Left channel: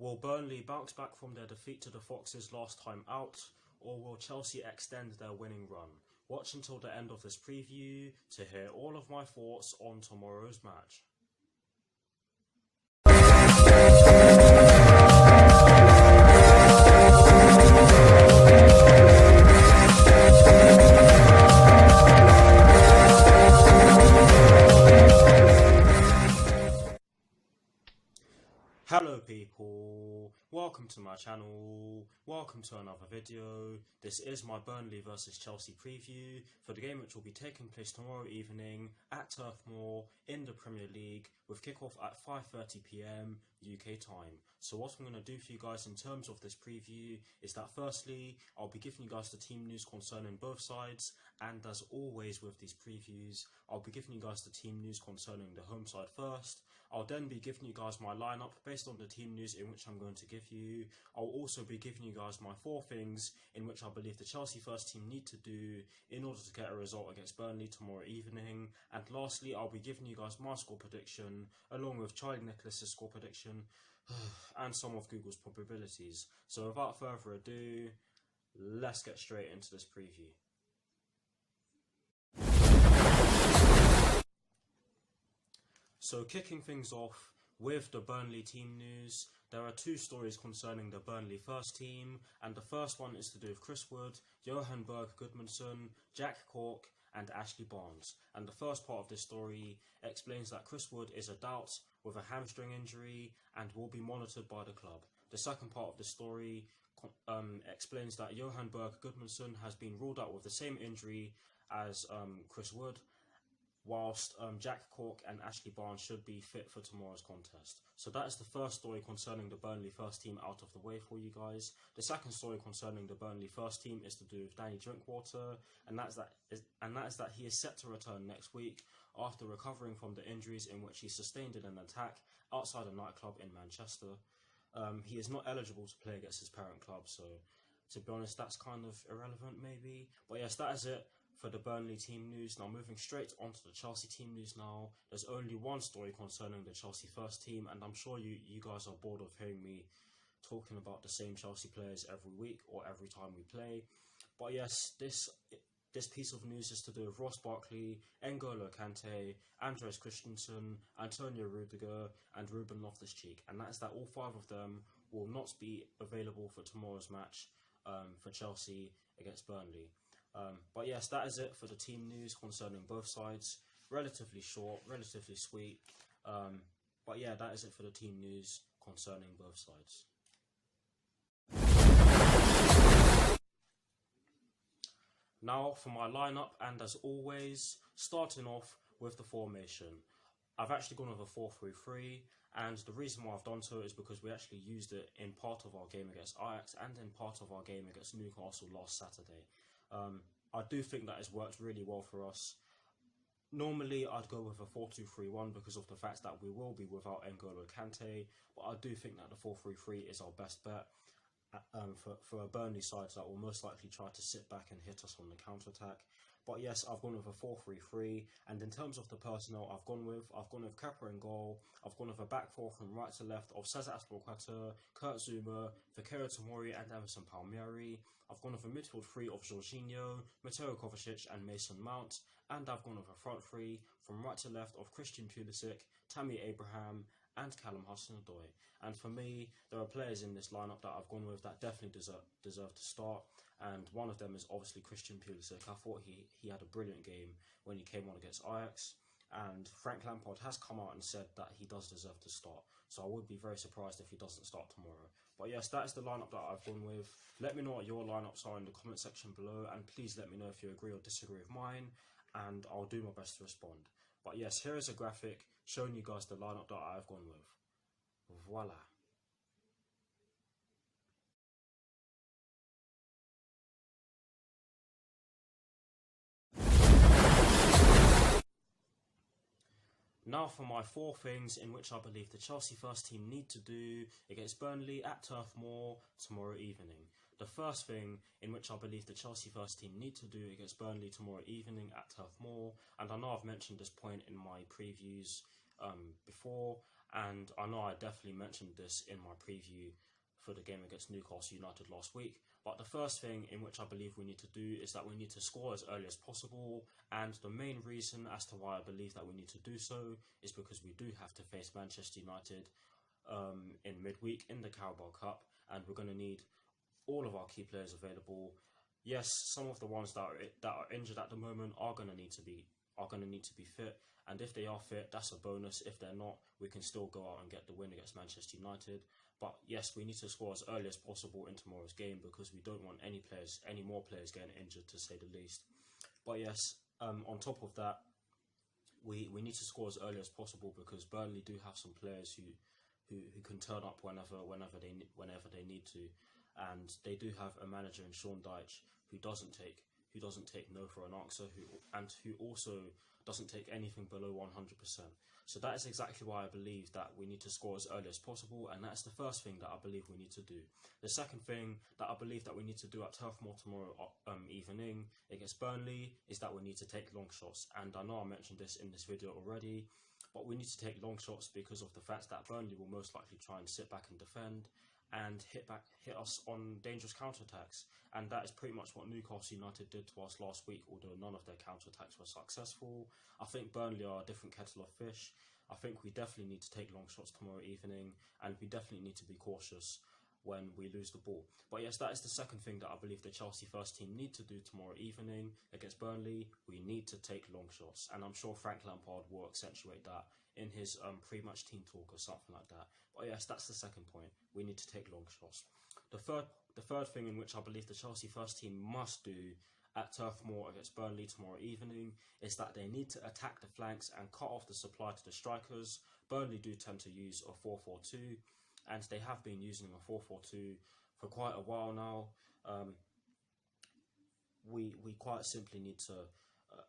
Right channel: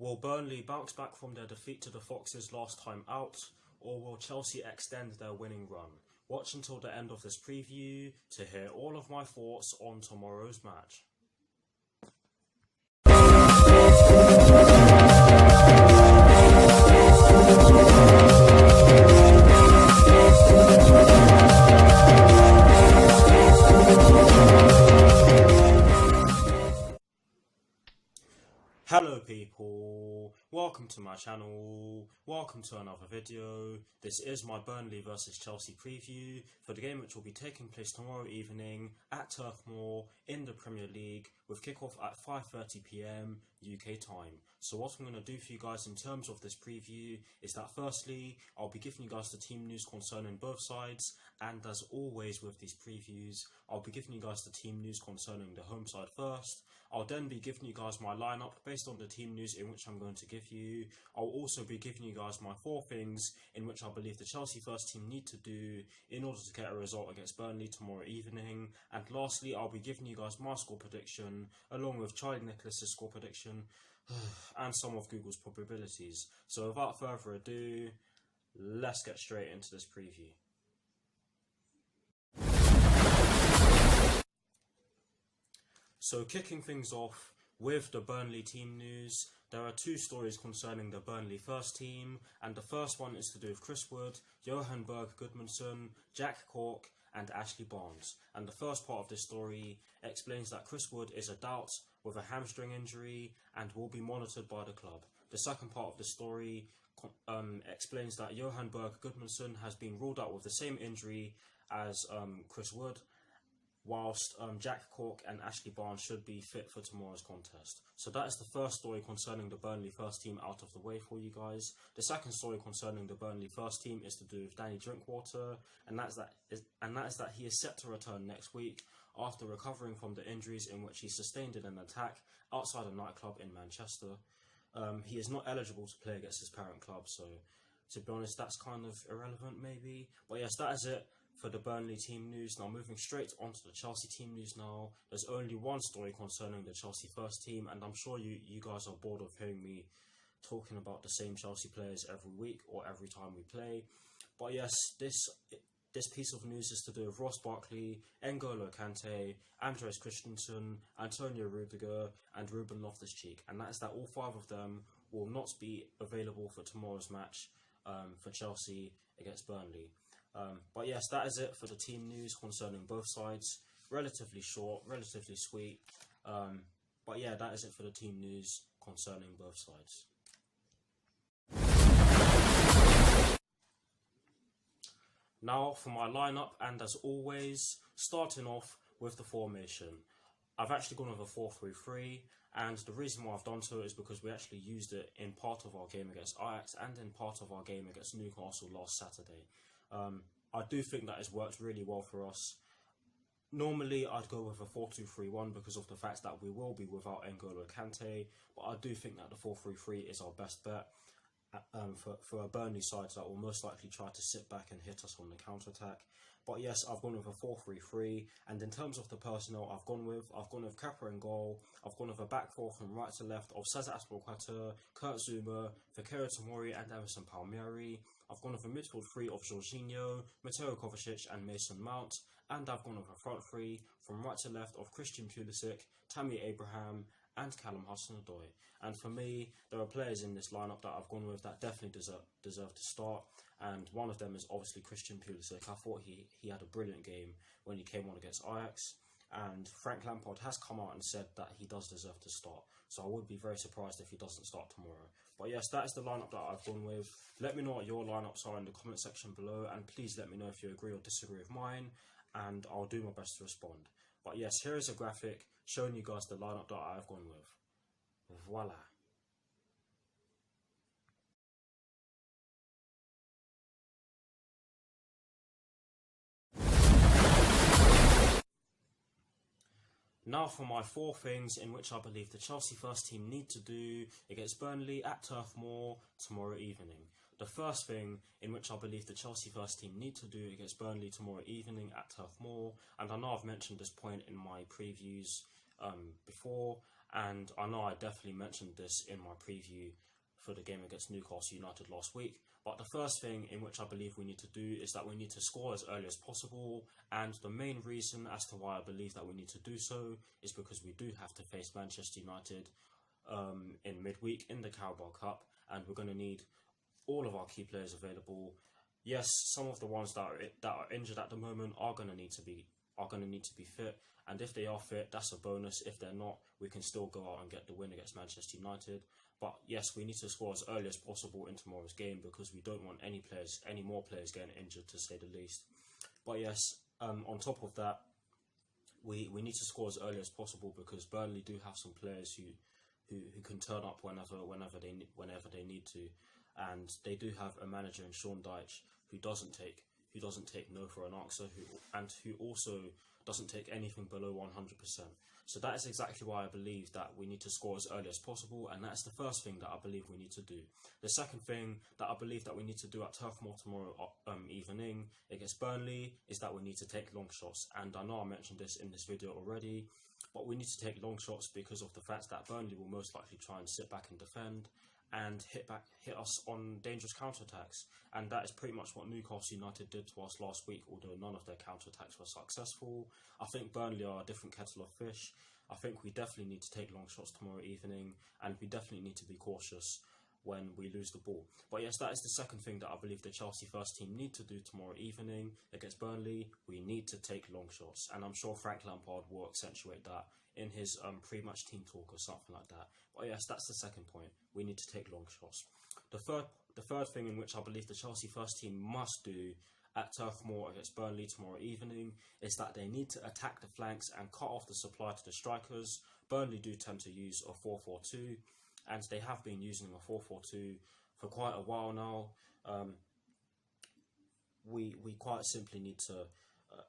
Will Burnley bounce back from their defeat to the Foxes last time out, or will Chelsea extend their winning run? Watch until the end of this preview to hear all of my thoughts on tomorrow's match. Hello people, welcome to my channel, welcome to another video. This is my Burnley vs Chelsea preview for the game which will be taking place tomorrow evening at Turf Moor in the Premier League with kickoff at 5:30 PM UK time. So what I'm going to do for you guys in terms of this preview is that firstly, I'll be giving you guys the team news concerning both sides, and as always with these previews, I'll be giving you guys the team news concerning the home side first. I'll then be giving you guys my lineup based on the team news in which I'm going to give you. I'll also be giving you guys my 4 things in which I believe the Chelsea first team need to do in order to get a result against Burnley tomorrow evening. And lastly, I'll be giving you guys my score prediction along with Charlie Nicholas's score prediction and some of Google's probabilities. So without further ado, let's get straight into this preview. So kicking things off with the Burnley team news, there are 2 stories concerning the Burnley first team, and the first one is to do with Chris Wood, Johan Berg Gudmundsson, Jack Cork and Ashley Barnes. And the first part of this story explains that Chris Wood is a doubt with a hamstring injury and will be monitored by the club. The second part of the story explains that Johan Berg Gudmundsson has been ruled out with the same injury as Chris Wood, whilst Jack Cork and Ashley Barnes should be fit for tomorrow's contest. So that is the first story concerning the Burnley first team out of the way for you guys. The second story concerning the Burnley first team is to do with Danny Drinkwater, and that is that he is set to return next week after recovering from the injuries in which he sustained in an attack outside a nightclub in Manchester. He is not eligible to play against his parent club, so to be honest, that's kind of irrelevant maybe. But yes, that is it for the Burnley team news. Now moving straight onto the Chelsea team news now. There's only one story concerning the Chelsea first team, and I'm sure you guys are bored of hearing me talking about the same Chelsea players every week or every time we play. But yes, this piece of news is to do with Ross Barkley, N'Golo Kante, Andres Christensen, Antonio Rudiger and Ruben Loftus-Cheek, and that is that all 5 of them will not be available for tomorrow's match for Chelsea against Burnley. But yes, that is it for the team news concerning both sides. Relatively short, relatively sweet. But yeah, that is it for the team news concerning both sides. Now for my lineup, and as always, starting off with the formation. I've actually gone with a 4-3-3, and the reason why I've done so is because we actually used it in part of our game against Ajax and in part of our game against Newcastle last Saturday. I do think that has worked really well for us. Normally I'd go with a 4-2-3-1 because of the fact that we will be without N'Golo Kante, but I do think that the 4-3-3 is our best bet for a Burnley side that will most likely try to sit back and hit us on the counter-attack. But yes, I've gone with a 4-3-3, and in terms of the personnel I've gone with Kepa in goal. I've gone with a back 4 from right to left of Cesar Azpilicueta, Kurt Zouma, Fikayo Tomori and Emerson Palmieri. I've gone with a midfield 3 of Jorginho, Mateo Kovacic and Mason Mount, and I've gone with a front 3 from right to left of Christian Pulisic, Tammy Abraham and Callum Hudson-Odoi. And for me, there are players in this lineup that I've gone with that definitely deserve to start, and one of them is obviously Christian Pulisic. I thought he had a brilliant game when he came on against Ajax, and Frank Lampard has come out and said that he does deserve to start, so I would be very surprised if he doesn't start tomorrow. But yes, that is the lineup that I've gone with. Let me know what your lineups are in the comment section below, and please let me know if you agree or disagree with mine, and I'll do my best to respond. But yes, here is a graphic showing you guys the lineup that I've gone with. Voila. Now for my 4 things in which I believe the Chelsea first team need to do against Burnley at Turf Moor tomorrow evening. The first thing in which I believe the Chelsea first team need to do against Burnley tomorrow evening at Turf Moor, and I know I've mentioned this point in my previews before, And I know I definitely mentioned this in my preview for the game against Newcastle United last week. But the first thing in which I believe we need to do is that we need to score as early as possible. And the main reason as to why I believe that we need to do so is because we do have to face Manchester United in midweek in the Carabao Cup, and we're going to need all of our key players available. Yes, some of the ones that are injured at the moment are going to need to be fit, and if they are fit, that's a bonus. If they're not, we can still go out and get the win against Manchester United. But yes, we need to score as early as possible in tomorrow's game because we don't want any more players getting injured, to say the least. But yes, on top of that, we need to score as early as possible because Burnley do have some players who can turn up whenever they need to, and they do have a manager in Sean Dyche who doesn't take no for an answer, who also doesn't take anything below 100%. So that is exactly why I believe that we need to score as early as possible, and that's the first thing that I believe we need to do. The second thing that I believe that we need to do at Turf Moor tomorrow evening against Burnley is that we need to take long shots. And I know I mentioned this in this video already, but we need to take long shots because of the fact that Burnley will most likely try and sit back and defend and hit us on dangerous counterattacks. And that is pretty much what Newcastle United did to us last week, although none of their counterattacks were successful. I think Burnley are a different kettle of fish. I think we definitely need to take long shots tomorrow evening, and we definitely need to be cautious when we lose the ball. But yes, that is the second thing that I believe the Chelsea first team need to do tomorrow evening against Burnley. We need to take long shots, and I'm sure Frank Lampard will accentuate that in his pre-match team talk or something like that. But yes, that's the second point. We need to take long shots. The third thing in which I believe the Chelsea first team must do at Turf Moor against Burnley tomorrow evening is that they need to attack the flanks and cut off the supply to the strikers. Burnley do tend to use a 4-4-2, and they have been using a 4-4-2 for quite a while now. We quite simply need to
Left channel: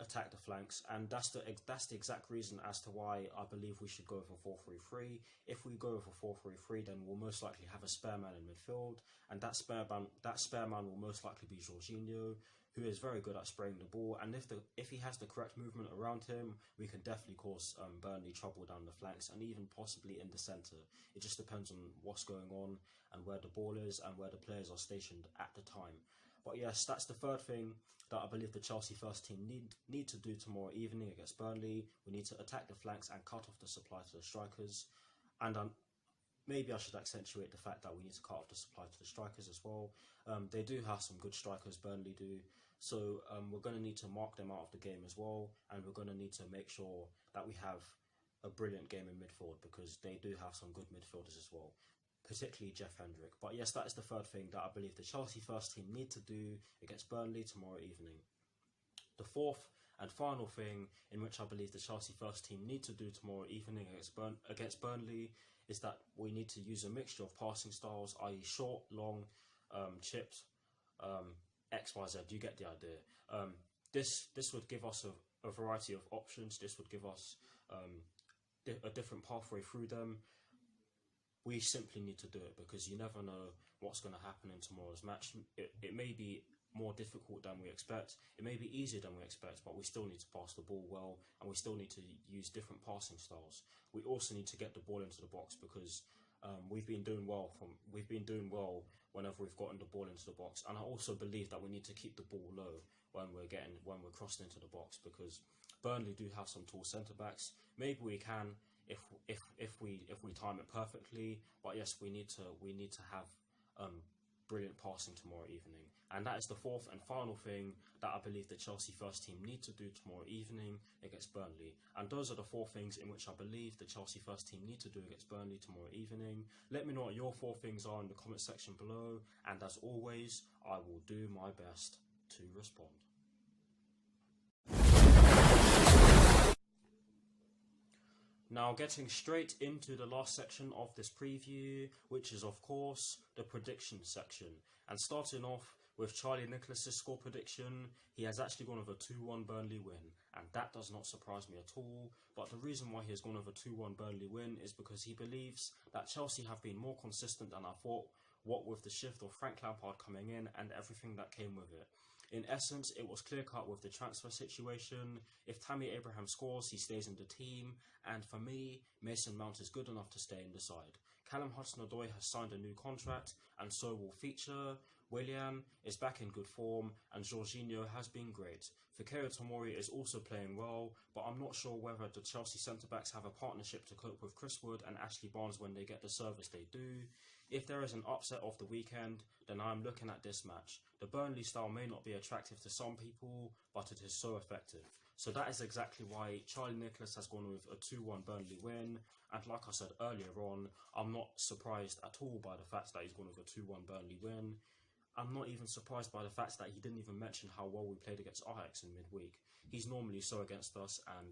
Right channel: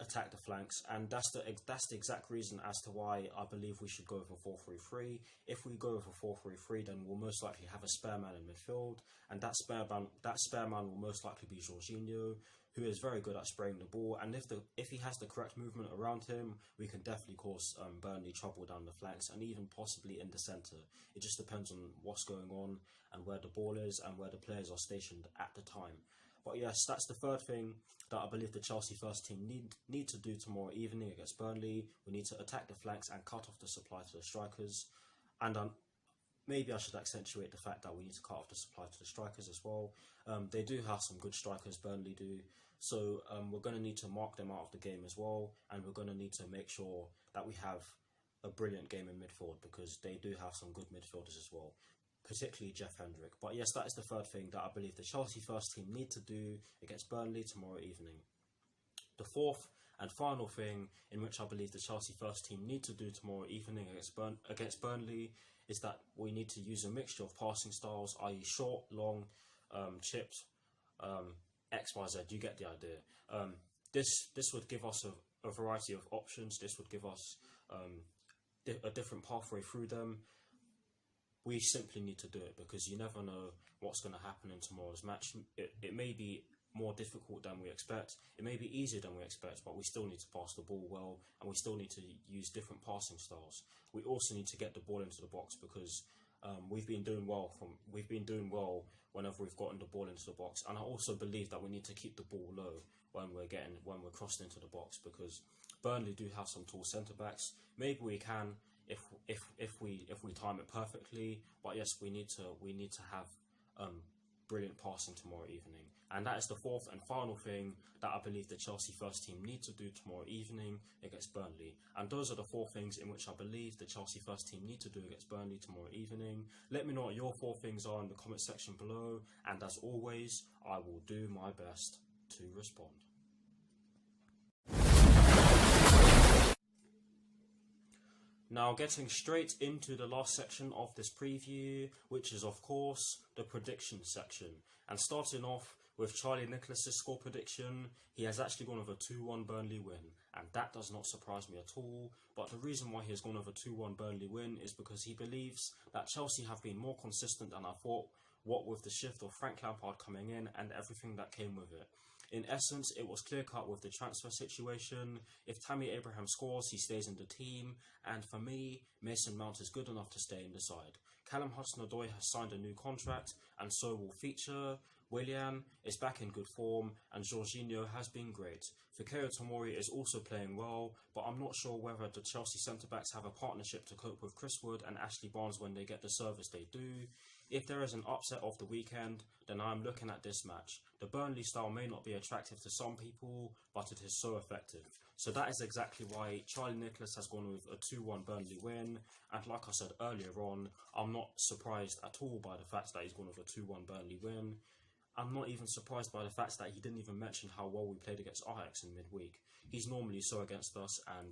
attack the flanks, and that's the exact reason as to why I believe we should go for 4-3-3. If we go for 4-3-3, then we'll most likely have a spare man in midfield, and that spare man will most likely be Jorginho, who is very good at spraying the ball. And if he has the correct movement around him, we can definitely cause Burnley trouble down the flanks and even possibly in the centre. It just depends on what's going on and where the ball is and where the players are stationed at the time. But yes, that's the third thing that I believe the Chelsea first team need to do tomorrow evening against Burnley. We need to attack the flanks and cut off the supply to the strikers. And maybe I should accentuate the fact that we need to cut off the supply to the strikers as well. They do have some good strikers, Burnley do. So we're going to need to mark them out of the game as well. And we're going to need to make sure that we have a brilliant game in midfield because they do have some good midfielders as well, particularly Jeff Hendrick. But yes, that is the third thing that I believe the Chelsea first team need to do against Burnley tomorrow evening. The fourth and final thing in which I believe the Chelsea first team need to do tomorrow evening against Burnley is that we need to use a mixture of passing styles, i.e. short, long, chipped, XYZ, you get the idea. This would give us a variety of options. This would give us a different pathway through them. We simply need to do it because you never know what's going to happen in tomorrow's match. It may be more difficult than we expect. It may be easier than we expect, but we still need to pass the ball well, and we still need to use different passing styles. We also need to get the ball into the box because we've been doing well whenever we've gotten the ball into the box. And I also believe that we need to keep the ball low when we're crossed into the box because Burnley do have some tall centre backs. Maybe we can if we time it perfectly. But yes, we need to have brilliant passing tomorrow evening. And that is the fourth and final thing that I believe the Chelsea first team need to do tomorrow evening against Burnley. And those are the four things in which I believe the Chelsea first team need to do against Burnley tomorrow evening. Let me know what your four things are in the comment section below. And as always, I will do my best to respond. Now getting straight into the last section of this preview, which is of course the prediction section. And starting off with Charlie Nicholas's score prediction, he has actually gone with a 2-1 Burnley win, and that does not surprise me at all. But the reason why he has gone with a 2-1 Burnley win is because he believes that Chelsea have been more consistent than I thought, what with the shift of Frank Lampard coming in and everything that came with it. In essence, it was clear-cut with the transfer situation. If Tammy Abraham scores, he stays in the team, and for me, Mason Mount is good enough to stay in the side. Callum Hudson-Odoi has signed a new contract, and so will Feature. Willian is back in good form, and Jorginho has been great. Fikayo Tomori is also playing well, but I'm not sure whether the Chelsea centre-backs have a partnership to cope with Chris Wood and Ashley Barnes when they get the service they do. If there is an upset of the weekend, then I'm looking at this match. The Burnley style may not be attractive to some people, but it is so effective. So that is exactly why Charlie Nicholas has gone with a 2-1 Burnley win. And like I said earlier on, I'm not surprised at all by the fact that he's gone with a 2-1 Burnley win. I'm not even surprised by the fact that he didn't even mention how well we played against Ajax in midweek. He's normally so against us, and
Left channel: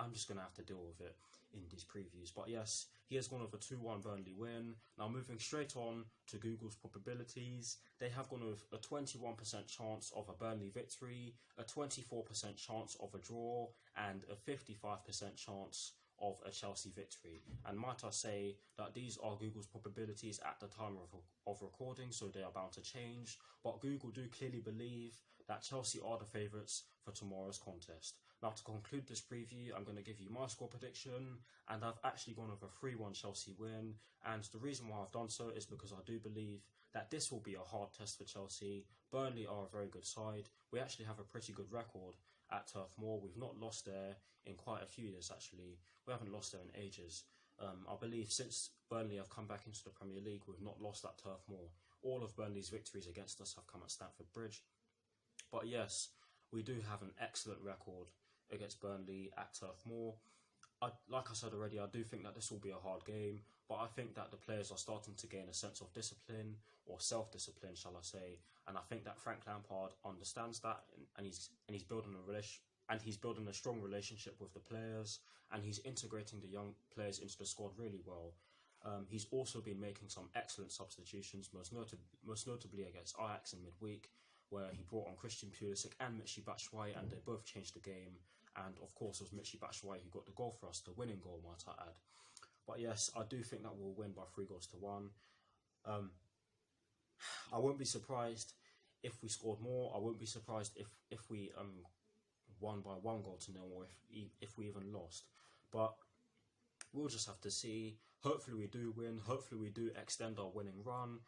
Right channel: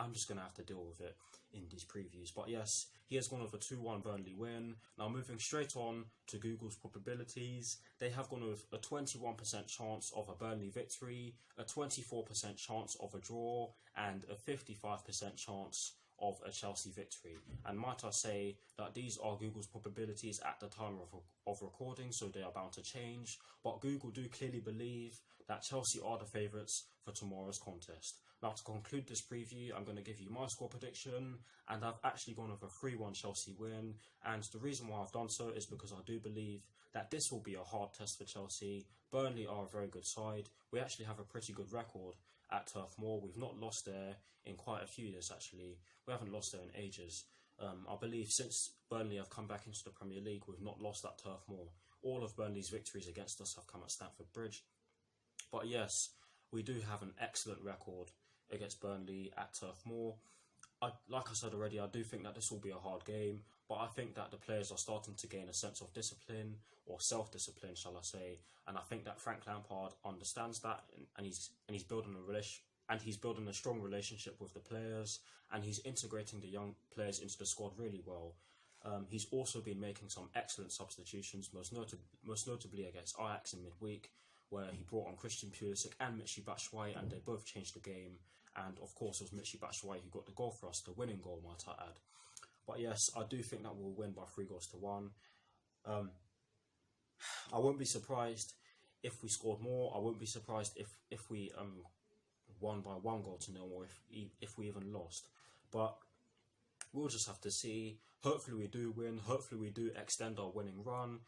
I'm just going to have to deal with it in these previews. But yes, he has gone with a 2-1 Burnley win. Now moving straight on to Google's probabilities, they have gone with a 21% chance of a Burnley victory, a 24% chance of a draw, and a 55% chance of a Chelsea victory. And might I say that these are Google's probabilities at the time of recording, so they are bound to change. But Google do clearly believe that Chelsea are the favourites for tomorrow's contest. Now to conclude this preview, I'm going to give you my score prediction, and I've actually gone with a 3-1 Chelsea win. And the reason why I've done so is because I do believe that this will be a hard test for Chelsea. Burnley are a very good side. We actually have a pretty good record at Turf Moor. We've not lost there in quite a few years actually. We haven't lost there in ages. I believe since Burnley have come back into the Premier League, we've not lost at Turf Moor. All of Burnley's victories against us have come at Stamford Bridge. But yes, we do have an excellent record against Burnley at Turf Moor. Like I said already, I do think that this will be a hard game, but I think that the players are starting to gain a sense of discipline, or self-discipline, shall I say. And I think that Frank Lampard understands that, and he's building a strong relationship with the players, and he's integrating the young players into the squad really well. He's also been making some excellent substitutions, most notably against Ajax in midweek, where he brought on Christian Pulisic and Michy Batshuayi, and they both changed the game. And of course, it was Michy Batshuayi who got the goal for us, the winning goal, might I add. But yes, I do think that we'll win by 3-1. I won't be surprised if we scored more. I won't be surprised if we won by 1-0, or if we even lost. But we'll just have to see. Hopefully we do win. Hopefully we do extend our winning run.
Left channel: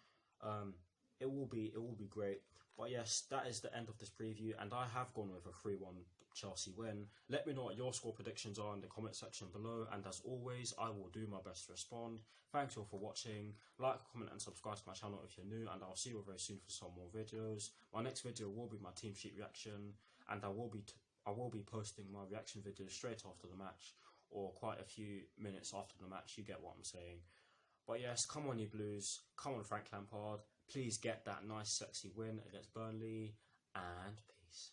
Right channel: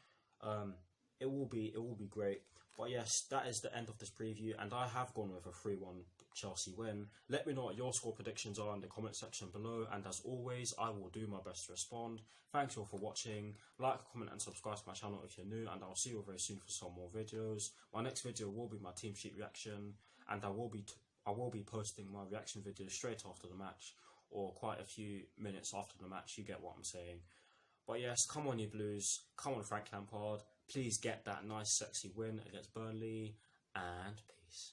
It will be great. But yes, that is the end of this preview, and I have gone with a 3-1 Chelsea win. Let me know what your score predictions are in the comment section below, and as always, I will do my best to respond. Thanks all for watching. Like, comment and subscribe to my channel if you're new, and I'll see you very soon for some more videos. My next video will be my team sheet reaction, and I will be posting my reaction videos straight after the match, or quite a few minutes after the match. You get what I'm saying. But yes, come on you Blues, come on Frank Lampard, please get that nice sexy win against Burnley, and peace.